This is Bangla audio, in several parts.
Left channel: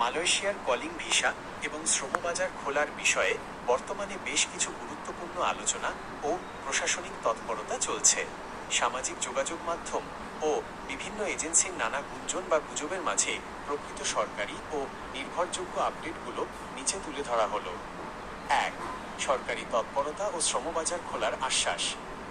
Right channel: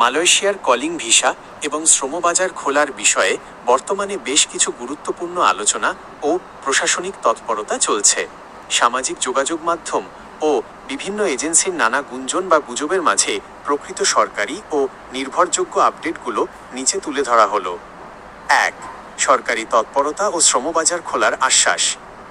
মালয়েশিয়ার কলিং ভিসা এবং শ্রমবাজার খোলার বিষয়ে বর্তমানে বেশ কিছু গুরুত্বপূর্ণ আলোচনা ও প্রশাসনিক তৎপরতা চলছে। সামাজিক যোগাযোগ মাধ্যম ও বিভিন্ন এজেন্সির নানা গুঞ্জন বা গুজবের মাঝে প্রকৃত সরকারি ও নির্ভরযোগ্য আপডেটগুলো নিচে তুলে ধরা হলো। ১. সরকারি তৎপরতা ও শ্রমবাজার খোলার আশ্বাস।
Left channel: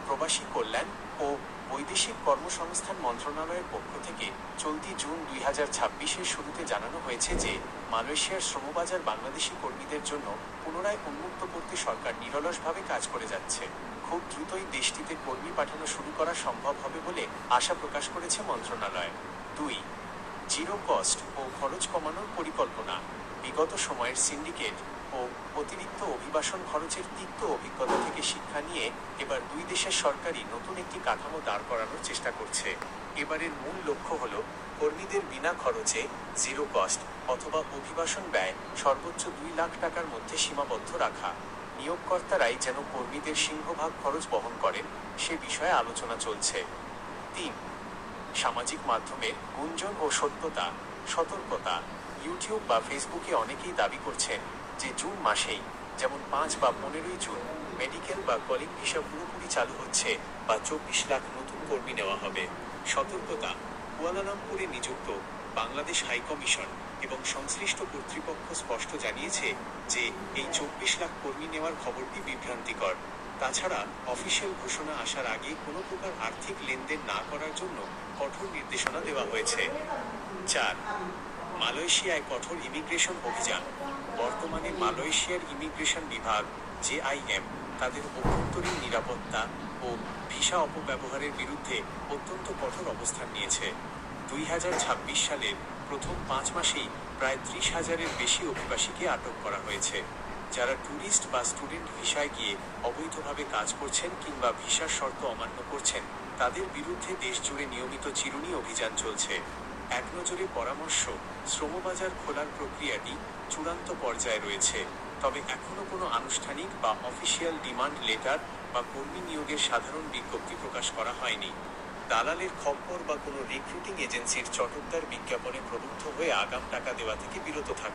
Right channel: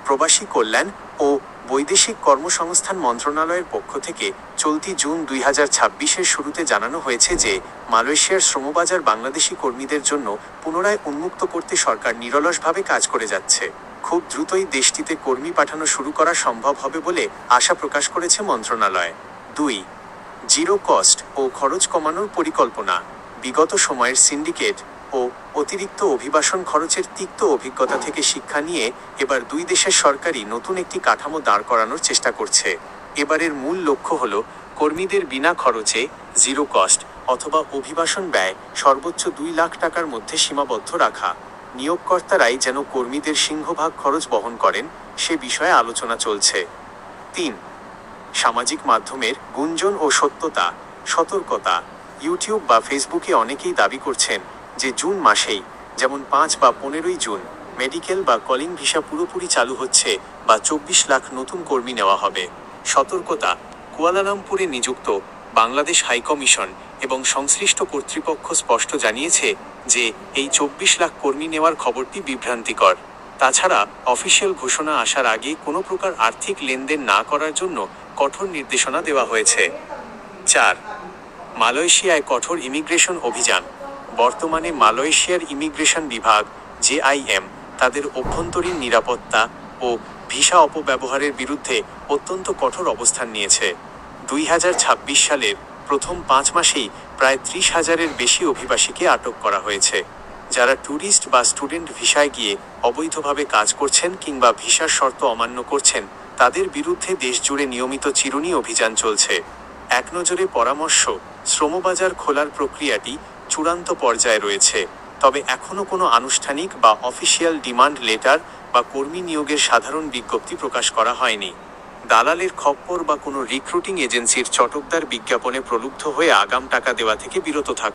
প্রবাসী কল্যাণ ও বৈদেশিক কর্মসংস্থান মন্ত্রণালয়ের পক্ষ থেকে চলতি জুন ২০২৬-এর শুরুতে জানানো হয়েছে যে মালয়েশিয়ার শ্রমবাজার বাংলাদেশি কর্মীদের জন্য পুনরায় উন্মুক্ত করতে সরকার নিরলসভাবে কাজ করে যাচ্ছে। খুব দ্রুতই দেশটিতে কর্মী পাঠানো শুরু করা সম্ভব হবে বলে আশা প্রকাশ করেছে মন্ত্রণালয়। ২. জিরো কস্ট ও খরচ কমানোর পরিকল্পনা। বিগত সময়ের সিন্ডিকেট ও অতিরিক্ত অভিবাসন খরচের তিক্ত অভিজ্ঞতা থেকে শিক্ষা নিয়ে এবার দুই দেশের সরকারই নতুন একটি কাঠামো দাঁড় করানোর চেষ্টা করছে। এবারের মূল লক্ষ্য হল কর্মীদের বিনা খরচে জিরো কস্ট অথবা অভিবাসন ব্যয় সর্বোচ্চ ২ লাখ টাকার মধ্যে সীমাবদ্ধ রাখা। নিয়োগকর্তারাই যেন কর্মীদের সিংহভাগ খরচ বহন করেন সে বিষয়ে আলোচনা চলছে। ৩. সামাজিক মাধ্যমের গুঞ্জন ও সত্যতা। সতর্কতা। ইউটিউব বা ফেসবুকে অনেকেই দাবি করছেন যে জুন মাসেই, যেমন ৫ বা ১৫ই জুন, মেডিকেল বা কলিং ভিসা পুরোপুরি চালু হচ্ছে বা ২৪ লাখ নতুন কর্মী নেওয়া হবে। সতর্কতা। কুয়ালালামপুরে নিযুক্ত বাংলাদেশ হাইকমিশন এবং সংশ্লিষ্ট কর্তৃপক্ষ স্পষ্ট জানিয়েছে যে এই ২৪ লাখ কর্মী নেওয়ার খবরটি বিভ্রান্তিকর। তাছাড়া অফিসিয়াল ঘোষণা আসার আগে কোনো প্রকার আর্থিক লেনদেন না করার জন্য কঠোর নির্দেশনা দেওয়া হয়েছে। ৪. মালয়েশিয়ায় কঠোর ইমিগ্রেশন অভিযান। বর্তমানে মালয়েশিয়ার ইমিগ্রেশন বিভাগ JIM তাদের অভ্যন্তরীণ নিরাপত্তা ও ভিসা অপব্যবহারের বিরুদ্ধে অত্যন্ত কঠোর অবস্থান নিয়েছে। ২০২৬ সালের প্রথম ৫ মাসেই প্রায় ৩০,০০০-এর বেশি অভিবাসীকে আটক করা হয়েছে, যারা ট্যুরিস্ট বা স্টুডেন্ট ভিসায় গিয়ে অবৈধভাবে কাজ করছেন কিংবা ভিসার শর্ত অমান্য করছেন তাদের বিরুদ্ধে দেশজুড়ে নিয়মিত চিরুনি অভিযান চলছে। একনজরে পরামর্শ, শ্রমবাজার খোলার প্রক্রিয়াটি চূড়ান্ত পর্যায়ে রয়েছে, তবে এখনও কোনো আনুষ্ঠানিক বা অফিসিয়াল ডিমান্ড লেটার বা কর্মী নিয়োগের সাধারণ বিজ্ঞপ্তি প্রকাশ করা হয়নি। দালালের খপ্পর বা কোনো রিক্রুটিং এজেন্সির চটকদার বিজ্ঞাপনে প্রলুব্ধ হয়ে আগাম টাকা দেওয়া থেকে বিরত থাকুন।